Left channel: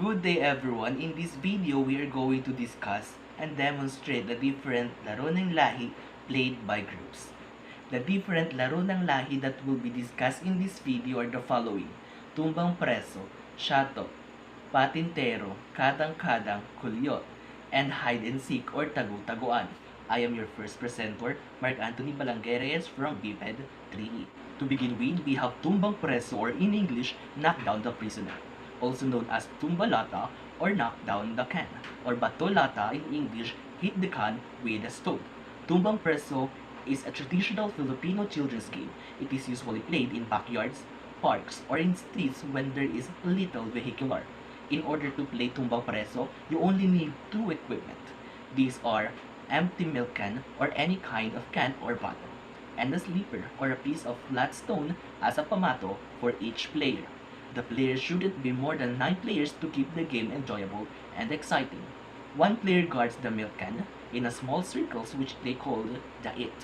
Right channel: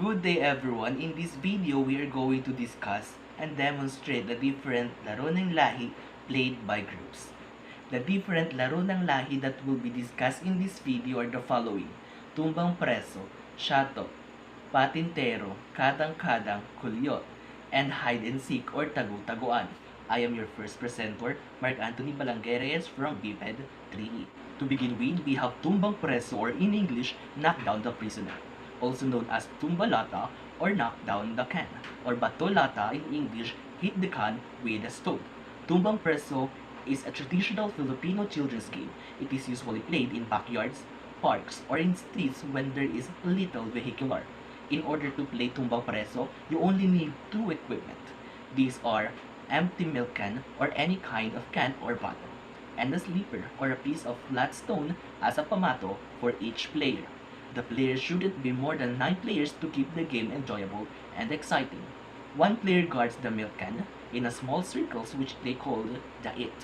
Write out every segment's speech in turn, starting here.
Good day everyone. In this video, we are going to discuss and demonstrate the different laro ng lahi played by groups. The different laro ng lahi that will be discussed in this video are the following: tumbang preso, shato, patintero, kadang-kadang, kulyot, and hide and seek or tagu-taguan. I am your first presenter, Mark Anthony Balangueres from BPED 3E. To begin with, we have tumbang preso, or in English, knock down the prisoner, also known as tumbalata or knock down the can, or batolata in English, hit the can with a stone. Tumbang preso is a traditional Filipino children's game. It is usually played in backyards, parks, or in streets when there is little vehicular. In order to play tumbang preso, you only need two equipment. These are empty milk can or any kind of can or bottle, and a sleeper or a piece of flat stone as a pamato for each player. The players shouldn't be more than 9 players to keep the game enjoyable and exciting. One player guards the milk can in a small circles which they call the it,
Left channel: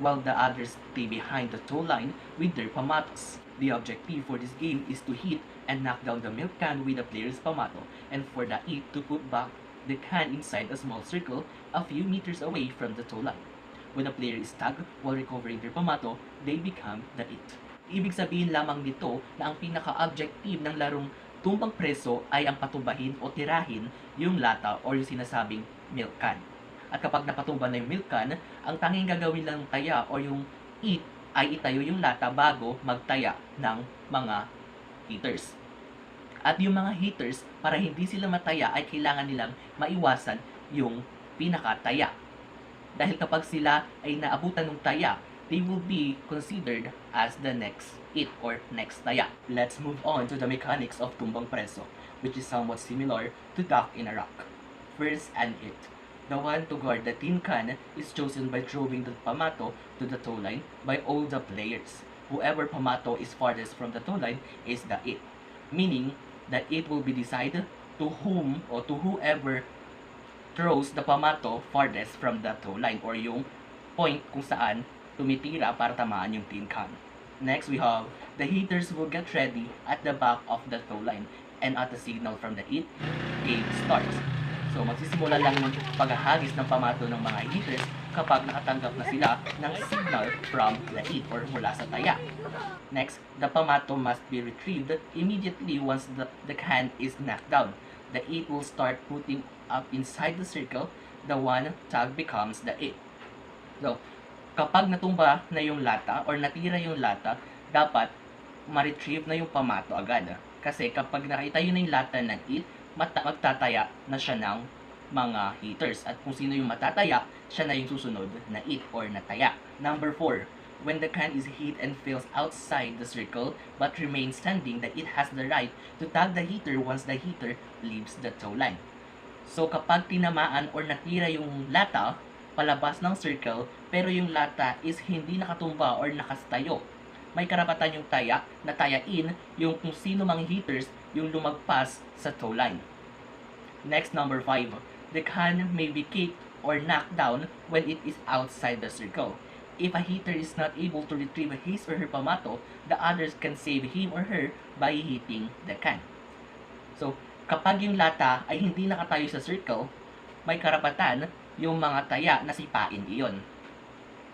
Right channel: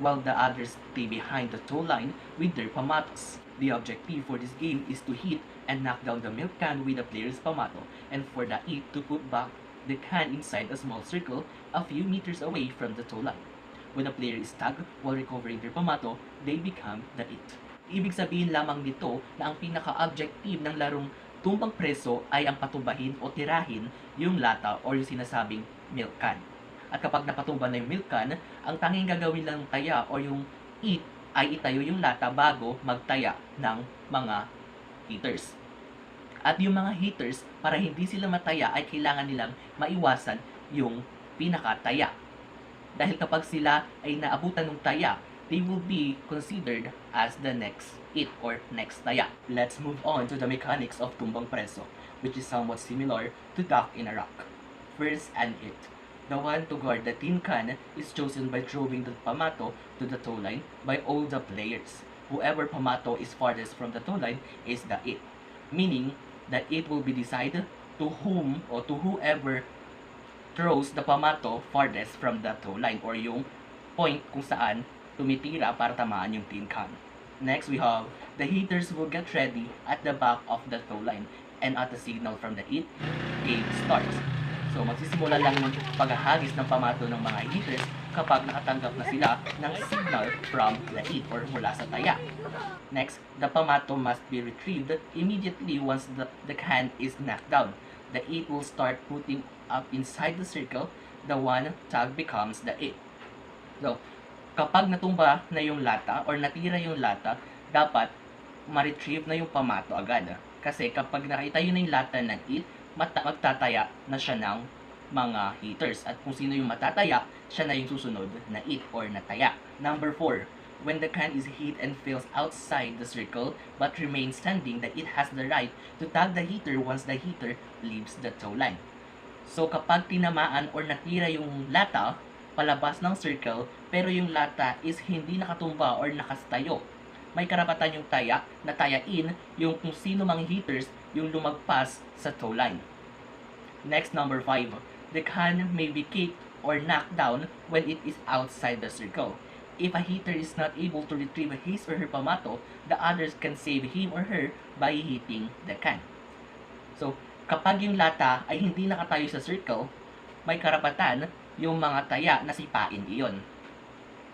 while the others stay behind the tow line with their pamatos. The objective for this game is to hit and knock down the milk can with the player's pamato, and for the it to put back the can inside a small circle a few meters away from the tow line. When a player is tagged while recovering their pamato, they become the it. Ibig sabihin lamang nito na ang pinaka-objective ng larong tumbang preso ay ang patumbahin o tirahin yung lata o yung sinasabing milk can. At kapag napatumba na yung milk can, ang tanging gagawin lang ng taya o yung it ay itayo yung lata bago magtaya ng mga heaters. At yung mga heaters, para hindi sila mataya, ay kailangan nilang maiwasan yung pinakataya. Dahil kapag sila ay naabutan ng taya, they will be considered as the next it or next taya. Let's move on to the mechanics of tumbang preso, which is somewhat similar to duck in a rock. First, an it. The one to guard the tin can is chosen by throwing the pamato to the tow line by all the players. Whoever pamato is farthest from the tow line is the it, meaning that it will be decided to whom or to whoever throws the pamato farthest from the tow line, or yung point kung saan tumitira para tamaan yung tin can. Next, we have the heaters will get ready at the back of the tow line, and at the signal from the it, game starts. So, magsisimula lang yung paghahagis ng pamato ng mga heaters kapag nakatanggap na sila ng signal from the it or mula sa taya. Next, the pamato must be retrieved immediately once the can is knocked down. The it will start putting up inside the circle. The one tag becomes the it. So, kapag natumba na yung lata or natira yung lata, dapat ma-retrieve na yung pamato agad. Kasi kapag nakitayo na yung lata ng it, magtataya na siya ng mga heaters. At kung sino yung matataya, siya na yung susunod na it or nataya. Number 4. When the can is hit and fails outside the circle but remains standing, the it has the right to tag the heater once the heater leaves the tow line. So kapag tinamaan or natira yung lata palabas ng circle pero yung lata is hindi nakatumba or nakastayo, may karapatan yung taya na tayain yung kung sino mang heaters yung lumagpas sa tow line. Next, number 5. The can may be kicked or knocked down when it is outside the circle. If a heater is not able to retrieve his or her pamato, the others can save him or her by hitting the can. So, kapag yung lata ay hindi nakatayo sa circle, may karapatan yung mga taya na sipain iyon.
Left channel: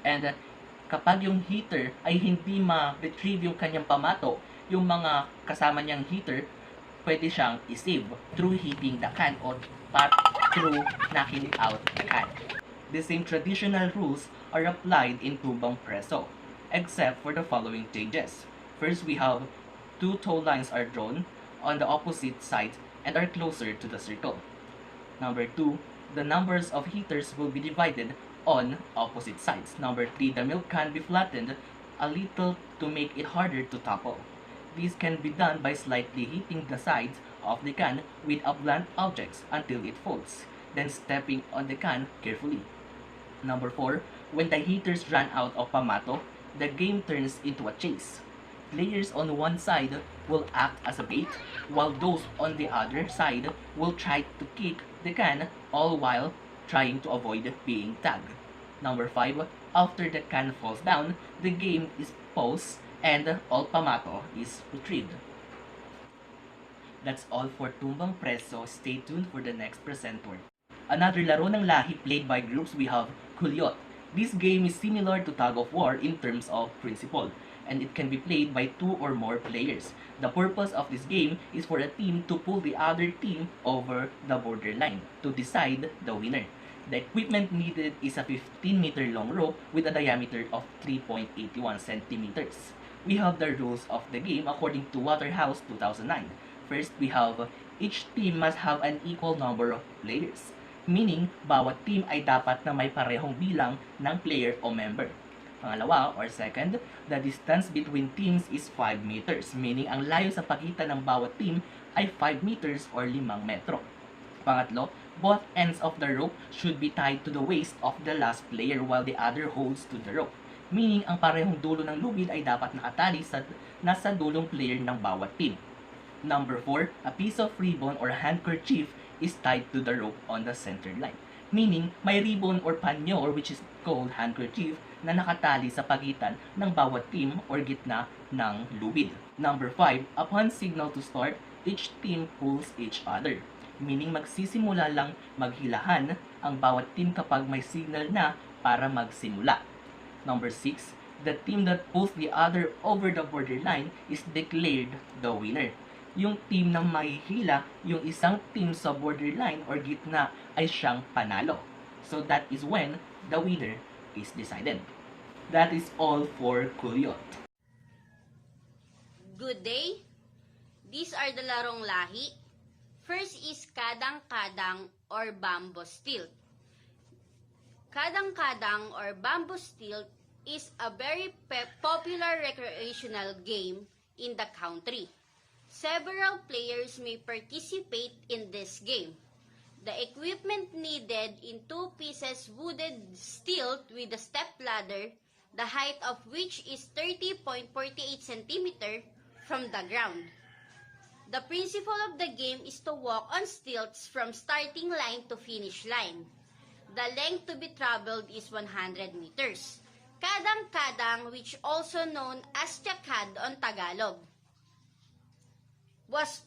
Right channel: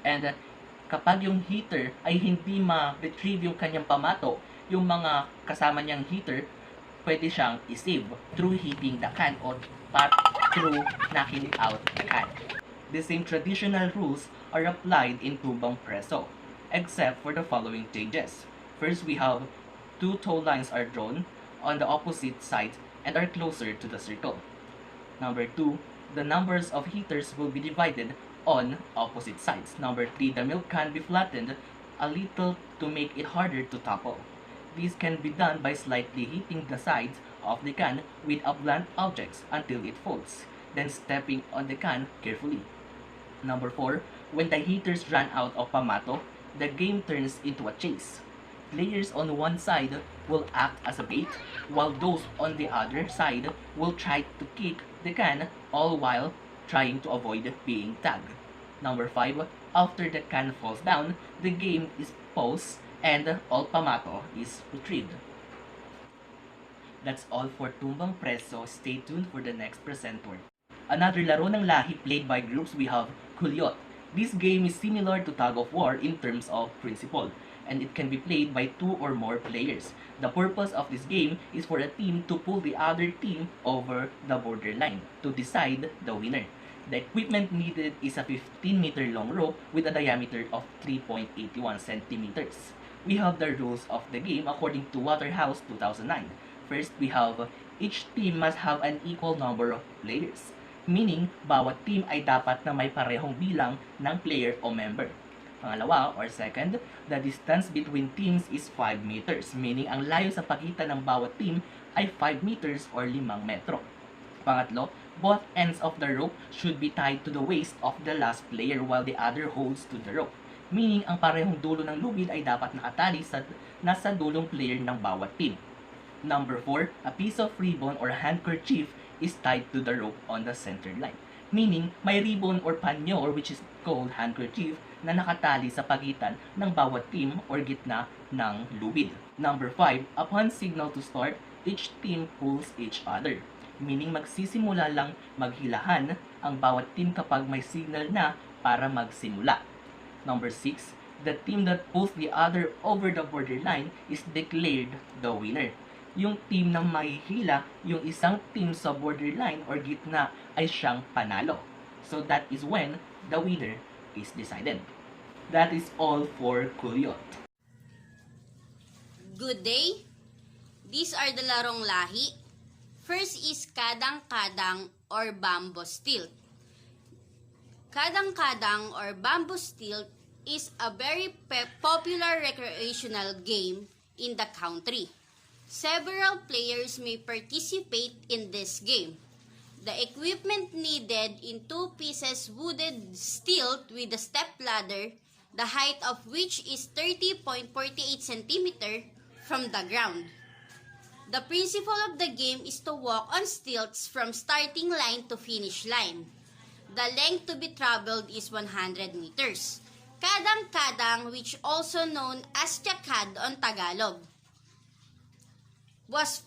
And kapag yung heater ay hindi ma-retrieve yung kanyang pamato, yung mga kasama niyang heater, pwede siyang i-save through hitting the can or through knocking out the can. The same traditional rules are applied in tumbang preso, except for the following changes. First, we have 2 tow lines are drawn on the opposite sides and are closer to the circle. Number 2, the numbers of heaters will be divided on opposite sides. Number 3, the milk can be flattened a little to make it harder to topple. This can be done by slightly hitting the sides of the can with a blunt object until it folds, then stepping on the can carefully. Number 4, when the heaters run out of pamato, the game turns into a chase. Players on one side will act as a bait, while those on the other side will try to kick the can, all while trying to avoid being tagged. Number 5, after the can falls down, the game is paused and all pamato is retrieved. That's all for Tumbang Preso. Stay tuned for the next presenter. Another laro ng lahi played by groups, we have Kulyot. This game is similar to tug of war in terms of principle, and it can be played by 2 or more players. The purpose of this game is for a team to pull the other team over the borderline to decide the winner. The equipment needed is a 15-meter long rope with a diameter of 3.81 centimeters. We have the rules of the game according to Waterhouse 2009. First, we have each team must have an equal number of players. Meaning, bawat team ay dapat na may parehong bilang ng player o member. Pangalawa, or second, the distance between teams is 5 meters. Meaning, ang layo sa pagitan ng bawat team ay 5 meters or 5 metro. Pangatlo, both ends of the rope should be tied to the waist of the last player while the other holds to the rope. Meaning, ang parehong dulo ng lubid ay dapat nakatali sa nasa dulong player ng bawat team. Number 4, a piece of ribbon or handkerchief is tied to the rope on the center line. Meaning, may ribbon or panyo or which is called handkerchief na nakatali sa pagitan ng bawat team or gitna ng lubid. Number 5, upon signal to start, each team pulls each other. Meaning, magsisimula lang maghilahan ang bawat team kapag may signal na para magsimula. Number 6, the team that pulls the other over the borderline is declared the winner. Yung team na mahihila, yung isang team sa borderline or gitna ay siyang panalo. So that is when the winner is decided. That is all for Kulyot. Good day. These are the larong lahi. First is kadang-kadang or bamboo stilt. Kadang-kadang or bamboo stilt is a very popular recreational game in the country. Several players may participate in this game. The equipment needed in 2 pieces wooden stilt with a step ladder, the height of which is 30.48 cm from the ground. The principle of the game is to walk on stilts from starting line to finish line. The length to be traveled is 100 meters. Kadang-kadang, which also known as Chakad on Tagalog, was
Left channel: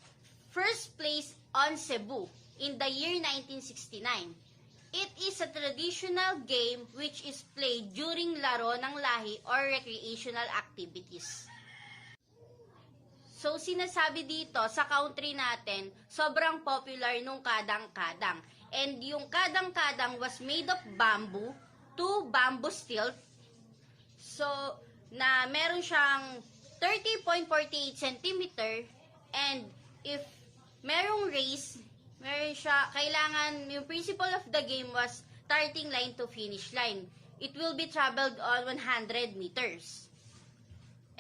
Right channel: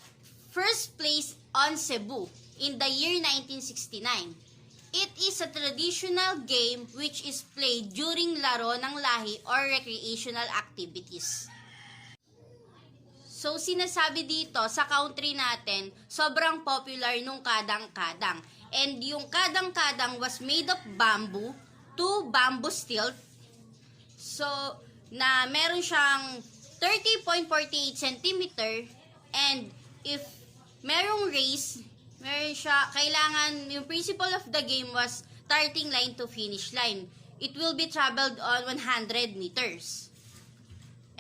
first placed on Cebu in the year 1969. It is a traditional game which is played during laro ng lahi or recreational activities. So, sinasabi dito sa country natin, sobrang popular nung kadang-kadang. And yung kadang-kadang was made of bamboo, 2 bamboo stilt. So, na meron siyang 30.48 cm. And if merong race, meron siya, kailangan, yung principle of the game was starting line to finish line. It will be traveled on 100 meters.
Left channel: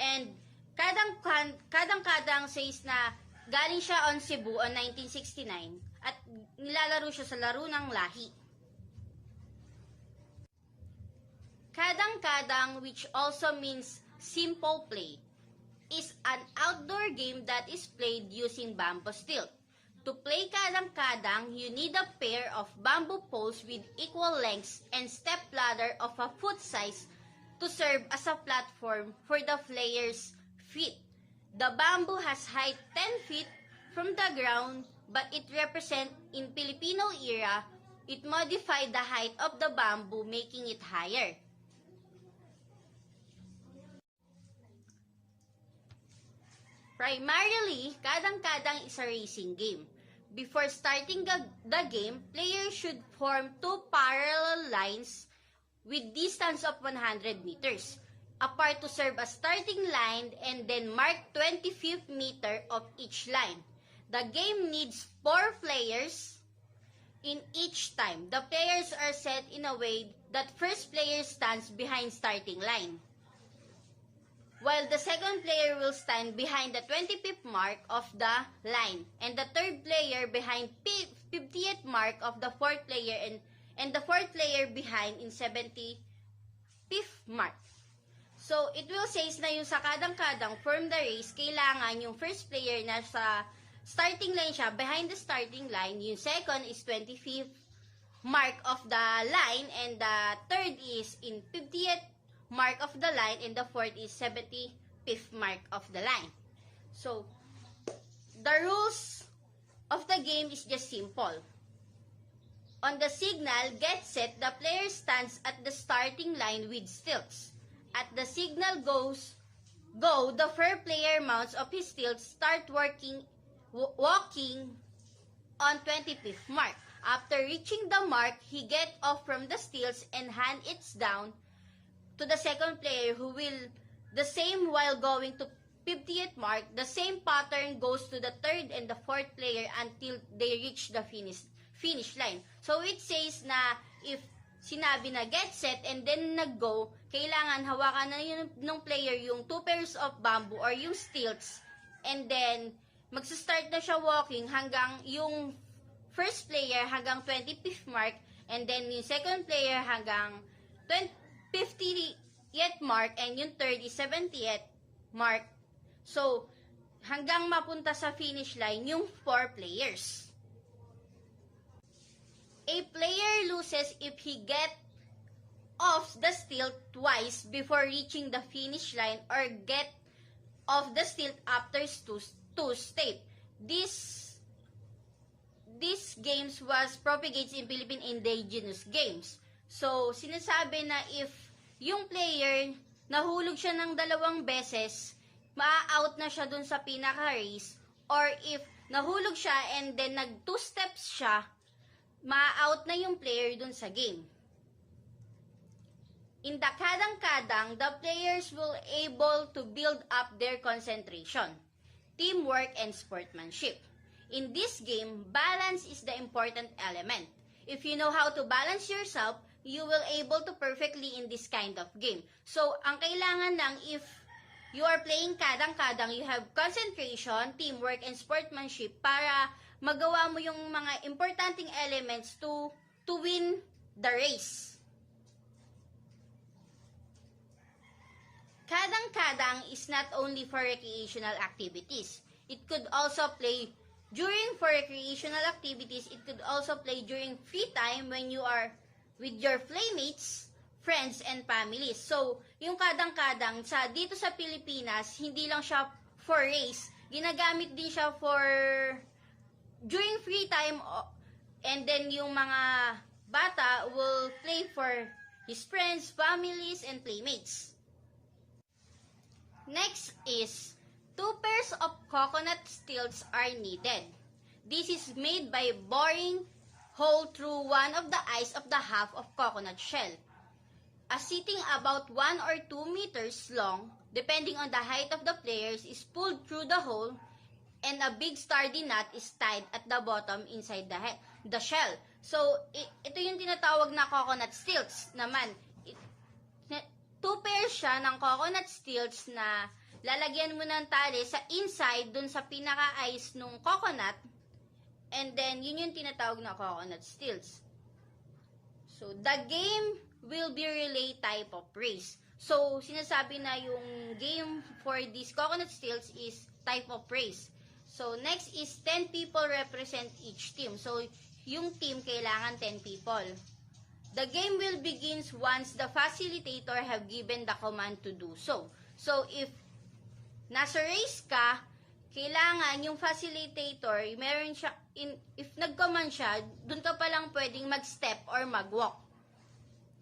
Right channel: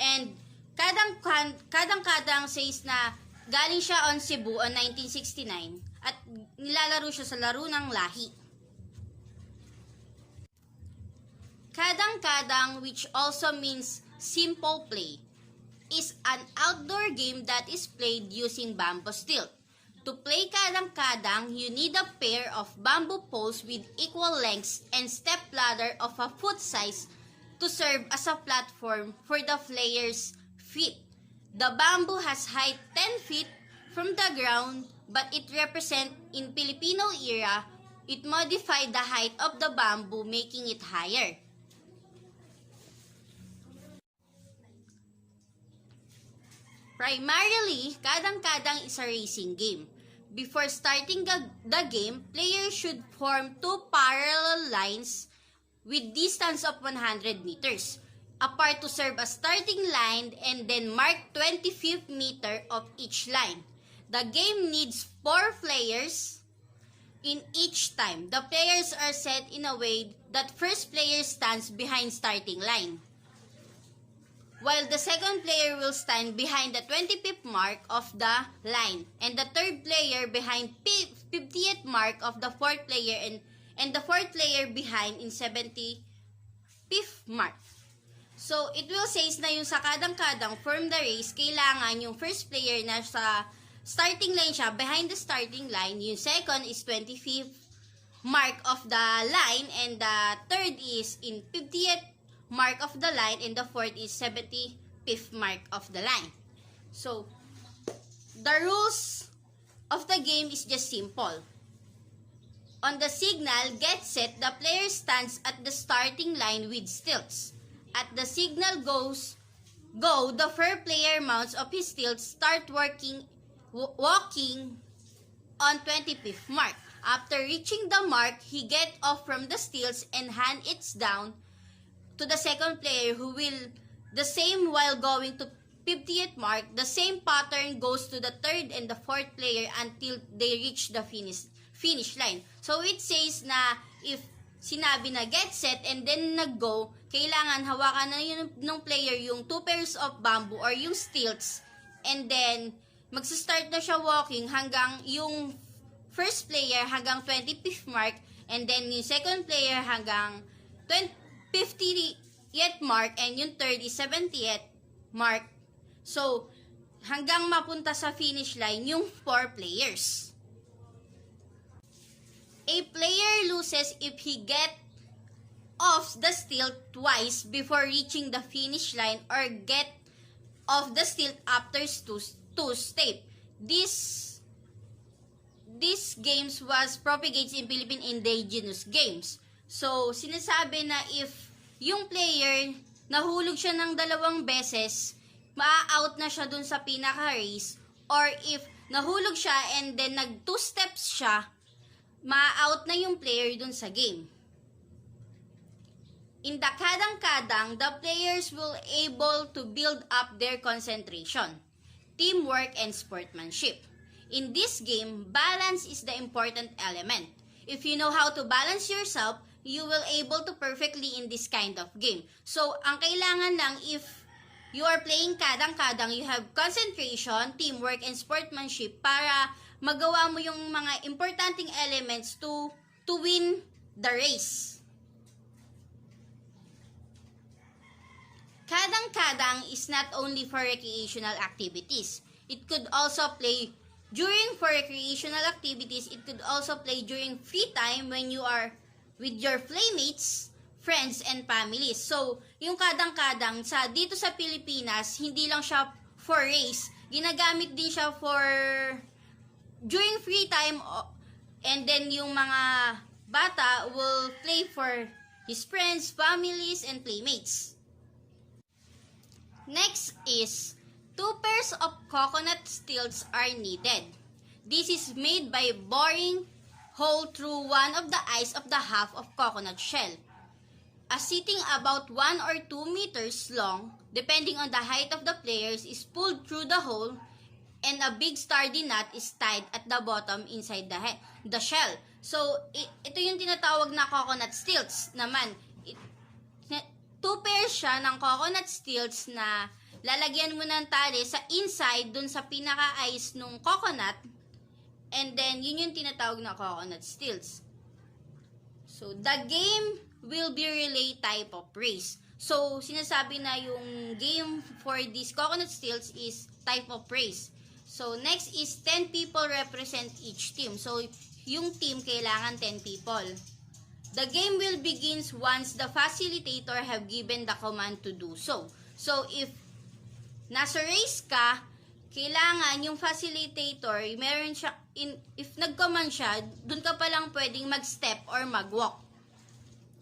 And kadang-kadang says na galing siya on Cebu on 1969 at nilalaro siya sa laro ng lahi. Kadang-kadang, which also means simple play, is an outdoor game that is played using bamboo stilt. To play kadang-kadang, you need a pair of bamboo poles with equal lengths and step ladder of a foot size to serve as a platform for the player's feet. The bamboo has height 10 feet from the ground, but it represents in Filipino era, it modified the height of the bamboo, making it higher. Primarily, kadang-kadang is a racing game. Before starting the game, players should form 2 parallel lines with distance of 100 meters apart to serve as starting line and then mark 25th meter of each line. The game needs 4 players in each time. The players are set in a way that first player stands behind starting line, while the second player will stand behind the 25th mark of the line, and the third player behind 50th mark of the fourth player, and the fourth player behind in 75th mark. So, it will says na yung sa kadang-kadang from the race, kailangan yung first player na sa starting line siya, behind the starting line, yung second is 25th mark of the line, and the third is in 50th mark of the line, and the fourth is 75th mark of the line. So, the rules of the game is just simple. On the signal, get set, the player stands at the starting line with stilts. At the signal go, the first player mounts up his stilts, start walking on 25th mark. After reaching the mark, he get off from the stilts and hand it down to the second player who will the same while going to 50th mark. The same pattern goes to the third and the fourth player until they reach the finish line. So it says na if sinabi na get set and then nag-go, kailangan hawakan na ng player yung 2 pairs of bamboo or yung stilts, and then magsa-start na siya walking hanggang yung first player hanggang 25th mark, and then yung second player hanggang 50th mark, and yung third is 70th mark. So, hanggang mapunta sa finish line yung 4 players. A player loses if he get off the stilt twice before reaching the finish line or get off the stilt after 2 steps. This games was propagated in Philippine indigenous games. So, sinasabi na if yung player nahulog siya ng 2 beses, maa-out na siya dun sa pinaka-race, or if nahulog siya and then nag 2 steps siya, ma-out na yung player dun sa game. In the kadang-kadang, the players will able to build up their concentration, teamwork, and sportsmanship. In this game, balance is the important element. If you know how to balance yourself, you will able to perfectly in this kind of game. So, ang kailangan lang if you are playing kadang-kadang, you have concentration, teamwork, and sportsmanship para magawa mo yung mga importanteng elements to win the race. Kadang-kadang is not only for recreational activities. It could also play during for recreational activities. It could also play during free time when you are with your playmates, friends, and families. So, yung kadang-kadang dito sa Pilipinas, hindi lang siya for race. Ginagamit din siya for during free time, and then yung mga bata will play for his friends, families, and playmates. Next is 2 pairs of coconut stilts are needed. This is made by boring hole through one of the eyes of the half of coconut shell. A seating about 1 or 2 meters long, depending on the height of the players, is pulled through the hole, and a big sturdy knot is tied at the bottom inside the shell. So, ito yung tinatawag na coconut stilts naman. 2 pairs siya ng coconut stilts na lalagyan mo ng tali sa inside dun sa pinaka-eyes nung coconut, and then yun yung tinatawag na coconut stilts. So, the game will be relay type of race. So, sinasabi na yung game for this coconut stilts is type of race. So, next is 10 people represent each team. So, yung team kailangan 10 people. The game will begin once the facilitator have given the command to do so. So, if nasa race ka, kailangan yung facilitator, meron siya, if nag-command siya, dun ka palang pwedeng mag-step or mag-walk.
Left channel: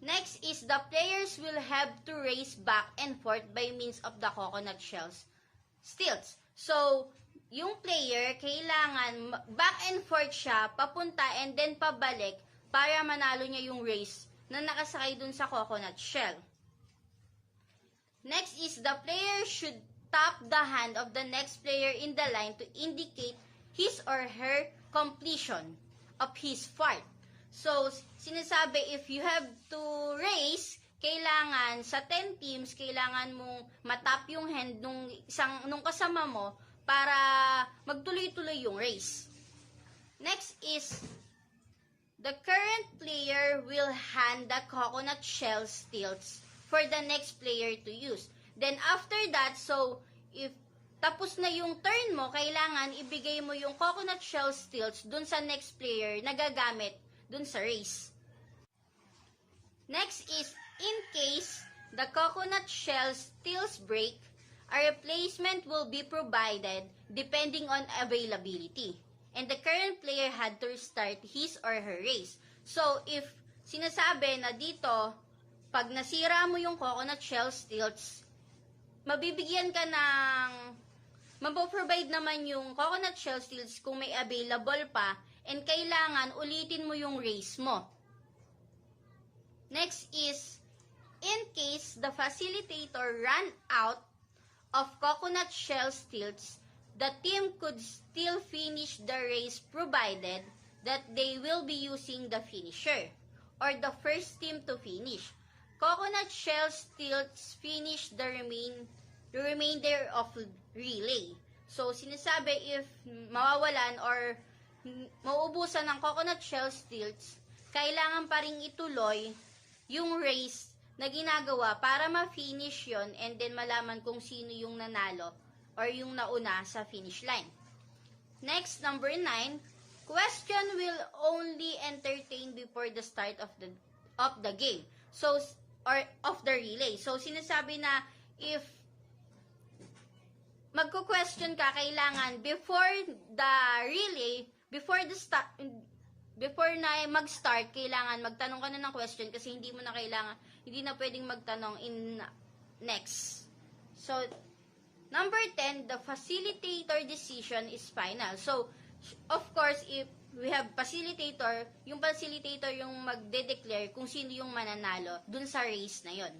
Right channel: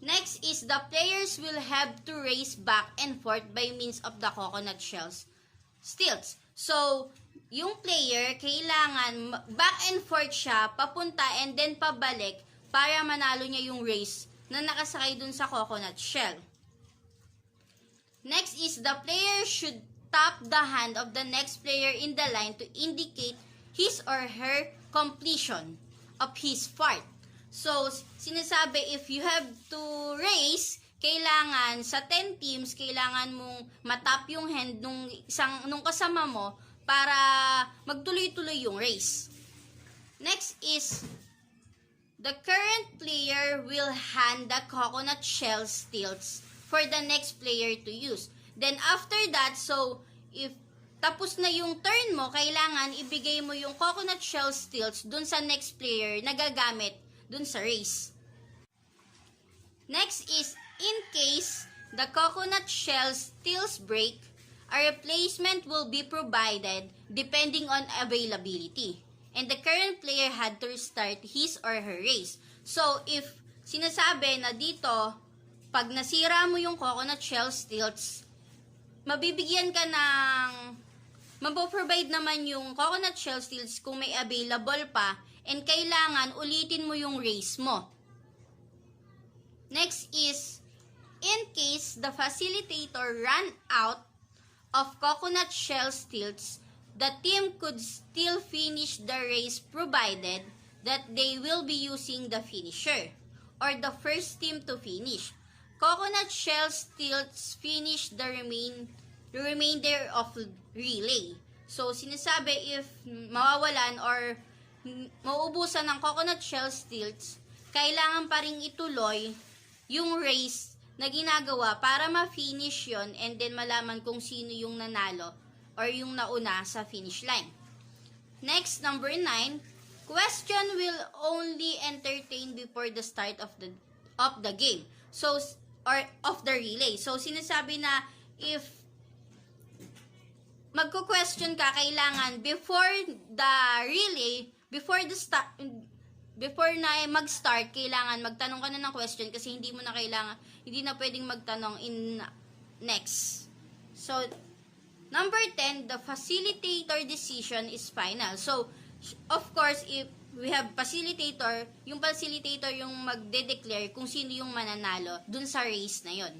Next is the players will have to race back and forth by means of the coconut stilts. So, yung player, kailangan back and forth siya, papunta and then pabalik para manalo niya yung race na nakasakay dun sa coconut shell. Next is the player should tap the hand of the next player in the line to indicate his or her completion of his part. So, sinasabi, if you have to race, kailangan sa 10 teams, kailangan mong matap yung hand nung kasama mo para magtuloy-tuloy yung race. Next is, the current player will hand the coconut shell stilts for the next player to use. Then after that, so if tapos na yung turn mo, kailangan ibigay mo yung coconut shell stilts dun sa next player na gagamit dun sa race. Next is, in case the coconut shell stilts break, a replacement will be provided depending on availability. and the current player had to restart his or her race. So, if sinasabi na dito, pag nasira mo yung coconut shell stilts, mabibigyan ka ng, mapoprovide naman yung coconut shell stilts kung may available pa, and kailangan ulitin mo yung race mo. Next is, in case the facilitator ran out of coconut shell stilts, the team could still finish the race provided that they will be using the finisher or the first team to finish. Coconut shell stilts finish the remainder of relay. So, sinasabi if mawawalan or mauubusan ng coconut shell stilts, kailangan pa rin ituloy yung race na ginagawa para ma-finish yon and then malaman kung sino yung nanalo or yung nauna sa finish line. Next, number 9, question will only entertain before the start of the game. So, or of the relay. So, sinasabi na if magko-question ka, kailangan before the relay, before na mag-start, kailangan magtanong ka na ng question kasi hindi na pwedeng magtanong in next. So, number 10, the facilitator decision is final. So, of course, if we have facilitator, yung facilitator yung magde-declare kung sino yung mananalo dun sa race na yon.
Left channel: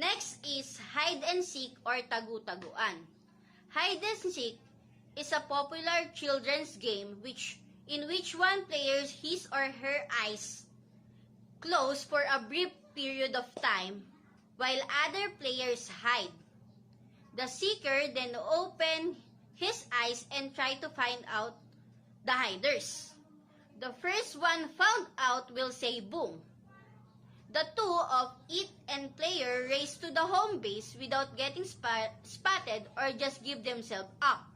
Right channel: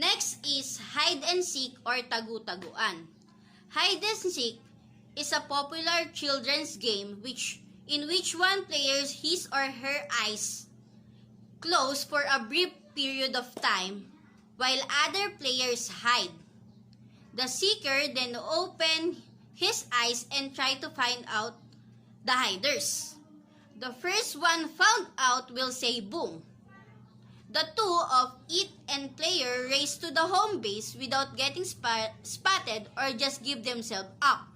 Next is hide and seek or tagu-taguan. Hide and seek is a popular children's game in which one player's his or her eyes close for a brief period of time while other players hide. The seeker then open his eyes and try to find out the hiders. The first one found out will say boom. The two of it and player race to the home base without getting spotted or just give themselves up.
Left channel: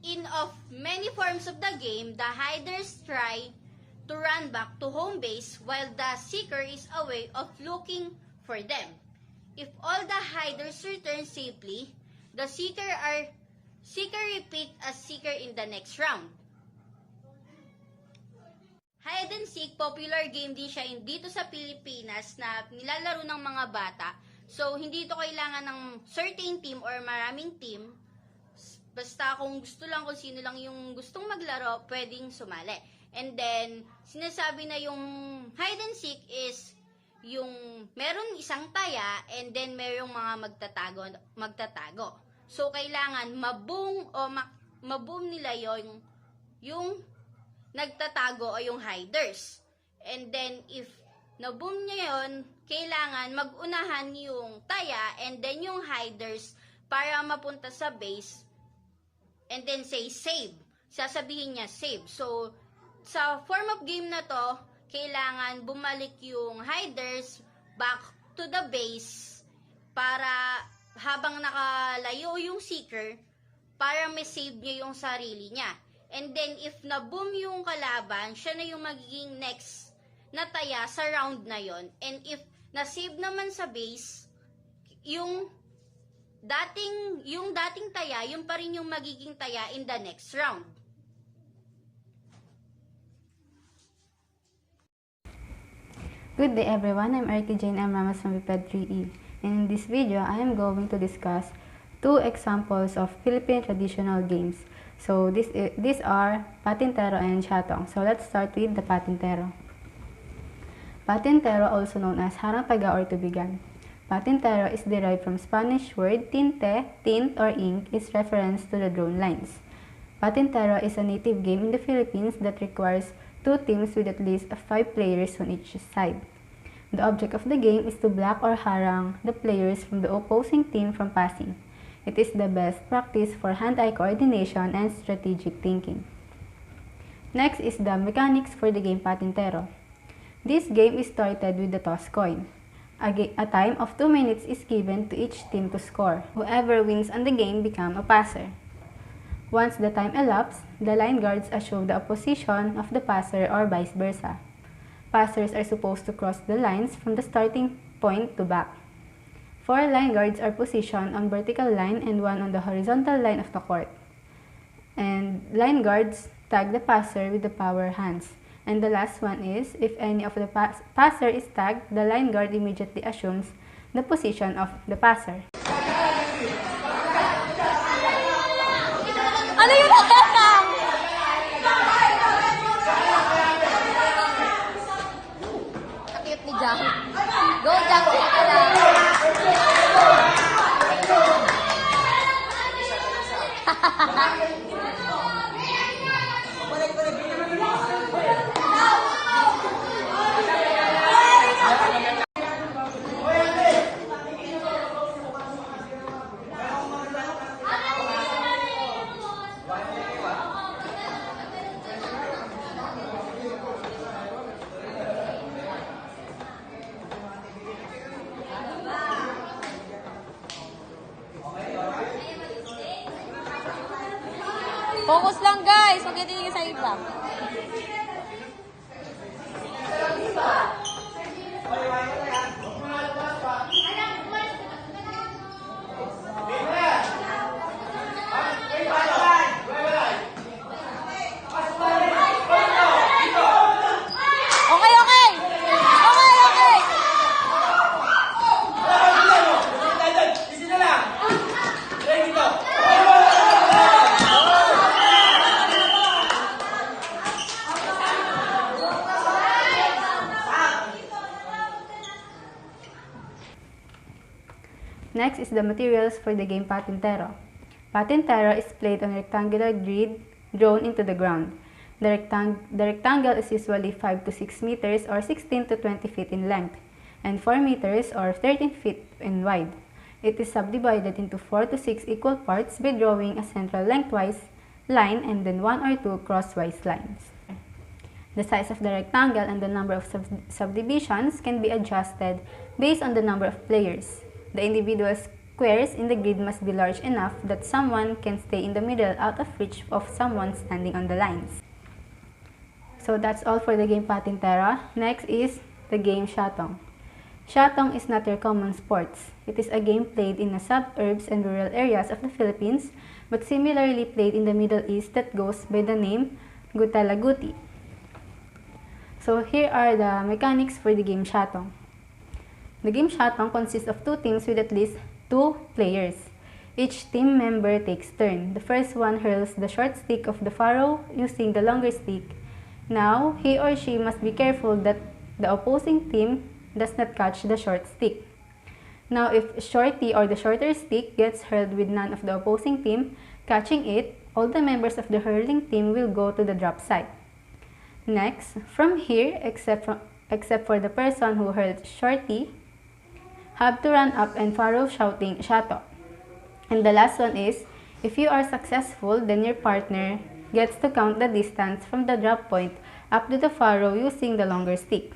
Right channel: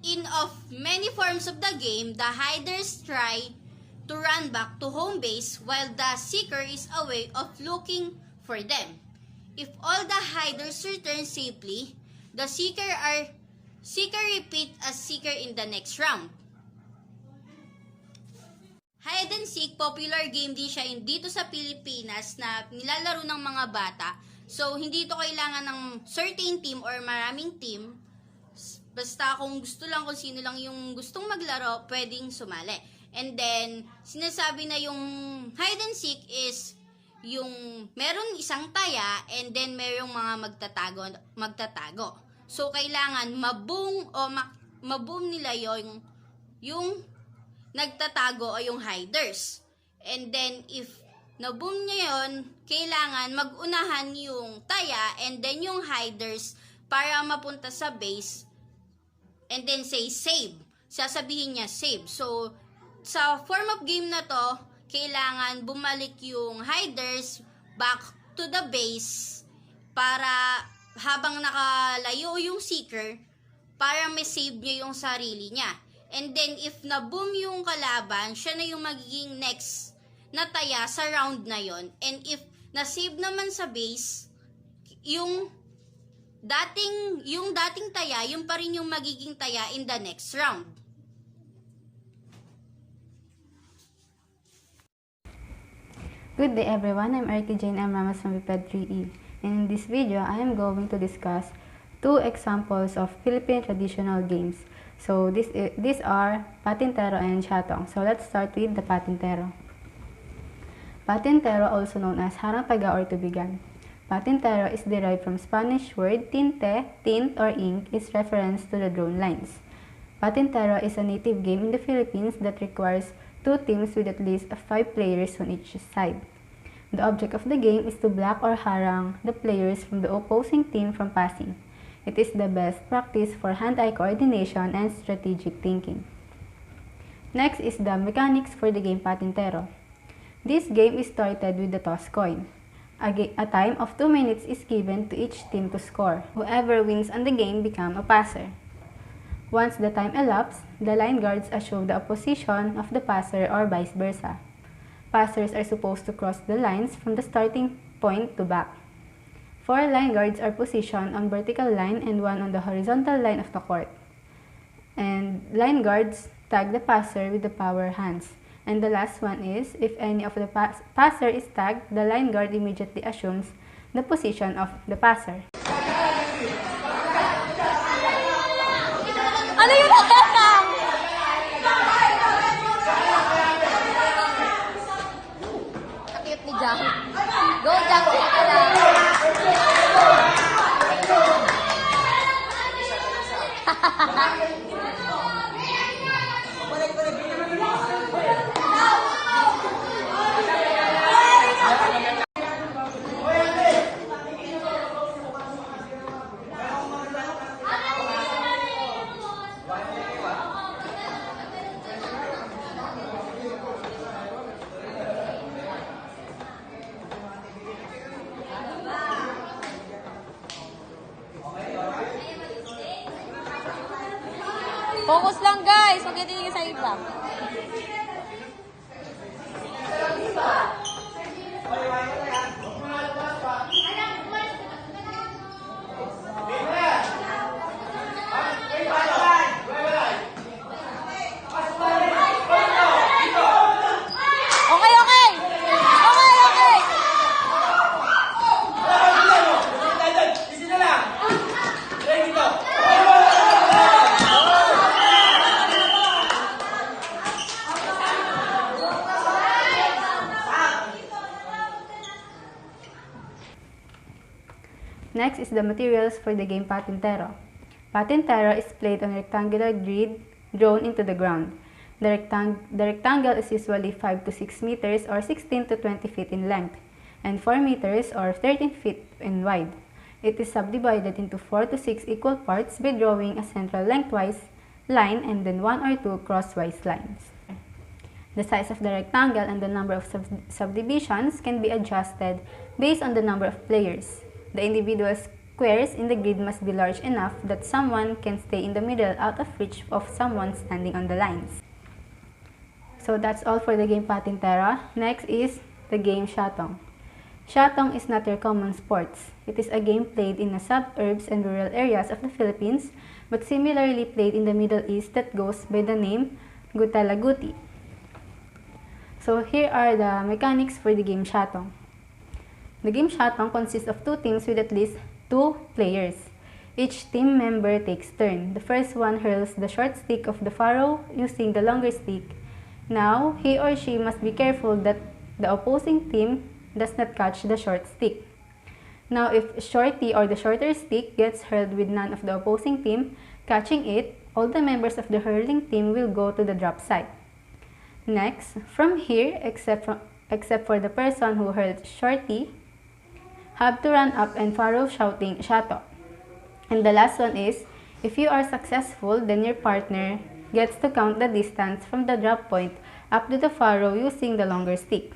In of many forms of the game, the hiders try to run back to home base while the seeker is away of looking for them. If all the hiders return safely, the seeker repeat as seeker in the next round. Hide and seek, popular game din siya dito sa Pilipinas na nilalaro ng mga bata. So, hindi ito kailangan ng certain team or maraming team. Basta kung gusto lang, kung sino lang yung gustong maglaro, pwedeng sumali. And then, sinasabi na yung hide and seek is yung meron isang taya and then merong mga magtatago. So, kailangan maboom nila yung nagtatago o yung hiders. And then, if naboom niya yun, kailangan mag-unahan yung taya and then yung hiders para mapunta sa base and then say save. Sasabihin niya save. So, sa form of game na to, kailangan bumalik yung hiders back to the base para habang nakalayo yung seeker para may save niya yung sarili niya. And then, if na-boom yung kalaban, siya na yung magiging next na taya sa round na yon. And if na-save naman sa base, yung dating taya, yung pa rin yung magiging taya in the next round. Good day everyone, I'm Artie Jane M. Ramos from VPED 3E, and in this video, I am going to discuss two examples of Philippine traditional games. So these are Patintero and Shatong. So let's start with the Patintero. Patintero, also known as Harang Taga or Tubigan. Patintero is derived from Spanish word tinte, tint or ink is reference to the drawn lines. Patintero is a native game in the Philippines that requires two teams with at least 5 players on each side. The object of the game is to block or harang the players from the opposing team from passing. It is the best practice for hand-eye coordination and strategic thinking. Next is the mechanics for the game Patintero. This game is started with the toss coin. A time of 2 minutes is given to each team to score. Whoever wins on the game becomes a passer. Once the time elapses, the line guards assume the opposition of the passer or vice versa. Passers are supposed to cross the lines from the starting point to back. 4 line guards are positioned on vertical line and 1 on the horizontal line of the court. And line guards tag the passer with the power hands. And the last one is, if any of the passer is tagged, the line guard immediately assumes the position of the passer. Ano yun? Kakit ni Jack. Go, Jack. Sige lang. Focus lang guys, huwag kayo tingin sa iba. Next is the materials for the game Patintero. Patintero is played on a rectangular grid drawn into the ground. The rectangle is usually 5 to 6 meters or 16 to 20 feet in length and 4 meters or 13 feet in wide. It is subdivided into 4 to 6 equal parts by drawing a central lengthwise line and then 1 or 2 crosswise lines. The size of the rectangle and the number of subdivisions can be adjusted based on the number of players. The individual squares in the grid must be large enough that someone can stay in the middle out of reach of someone standing on the lines. So that's all for the game Patintero. Next is the game Shatong. Shatong is not your common sports. It is a game played in the suburbs and rural areas of the Philippines, but similarly played in the Middle East that goes by the name Gutalaguti. So here are the mechanics for the game Shatong. The game Shatong consists of 2 teams with at least 2 players. Each team member takes turn. The first one hurls the short stick of the pharaoh using the longer stick. Now, he or she must be careful that the opposing team does not catch the short stick. Now, if Shorty or the shorter stick gets hurled with none of the opposing team catching it, all the members of the hurling team will go to the drop site. Next, from here, except for the person who hurled Shorty, have to run up and pharaoh shouting Shato. And the last one is, if you are successful, then your partner gets to count the distance from the drop point up to the pharaoh using the longer stick.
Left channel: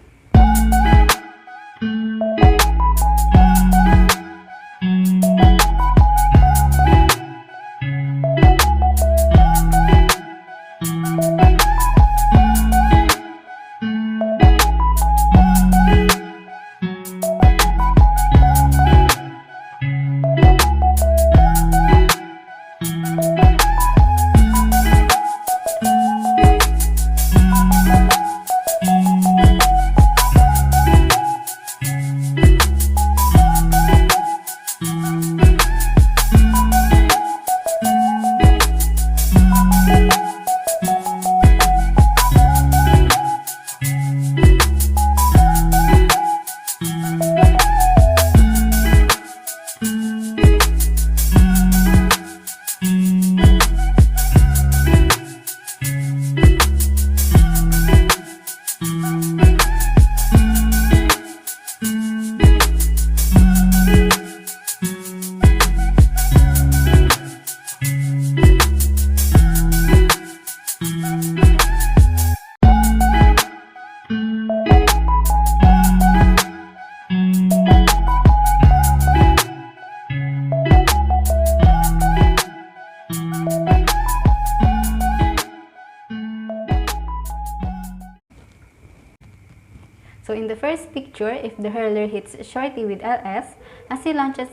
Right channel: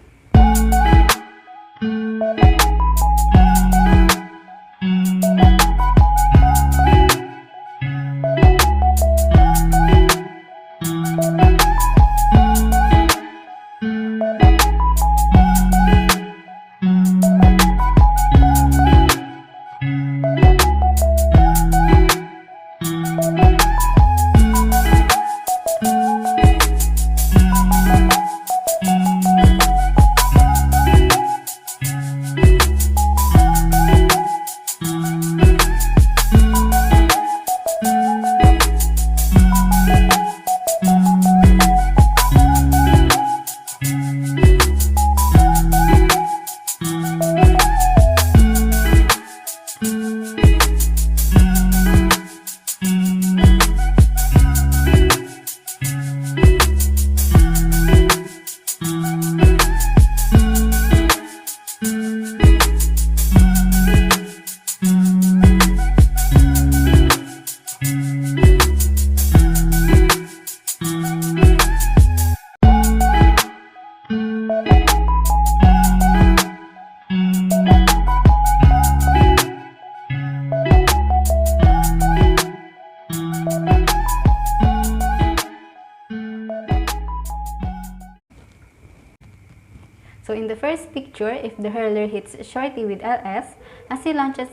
So in the first picture, if the hurler hits Shorty with LS, as he launches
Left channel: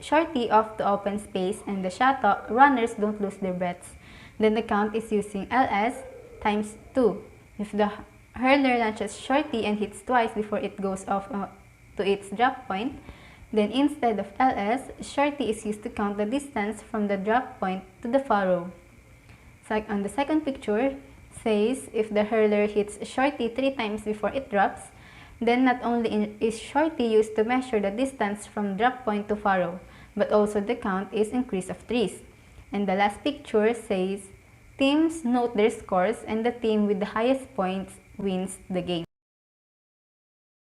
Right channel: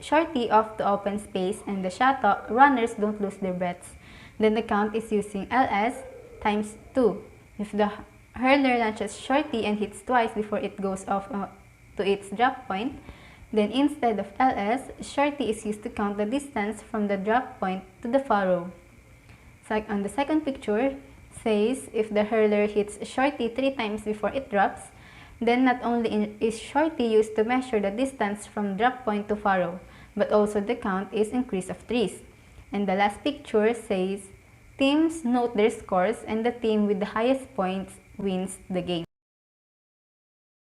Shorty off the open space and the shot runners don't lose their breaths, then the count is using LS times 2. If the hurler launches Shorty and hits twice before it goes off to its drop point, then instead of LS, Shorty is used to count the distance from the drop point to the furrow. So on the second picture, says if the hurler hits Shorty 3 times before it drops, then not only is Shorty used to measure the distance from drop point to furrow, but also the count is increase of 3s. And the last picture says, teams note their scores and the team with the highest points wins the game.